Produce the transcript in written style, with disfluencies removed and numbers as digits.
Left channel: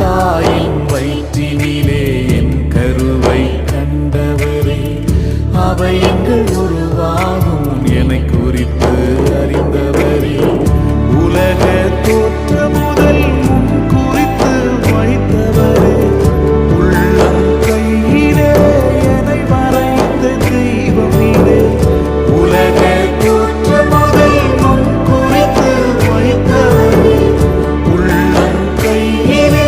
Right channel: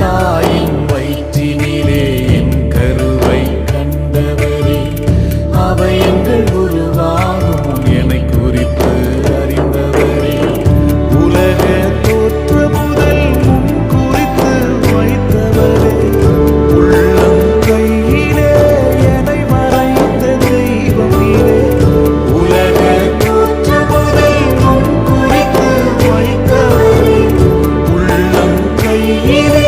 தாயின் வயிற்றினிலே என் கருவை கண்டவரே, அவயங்கள் உருவாகும் முன் என்னை குறித்து அறிந்தவரே, உலக தோற்ற முதல் முன் குறித்து வைத்தவரே, உள்ளம் கையிலே என்னை வரைந்த தெய்வம் நீரே, உலக தோற்ற முதல் முன் குறித்து வைத்தவரே, உள்ளம் கையிலே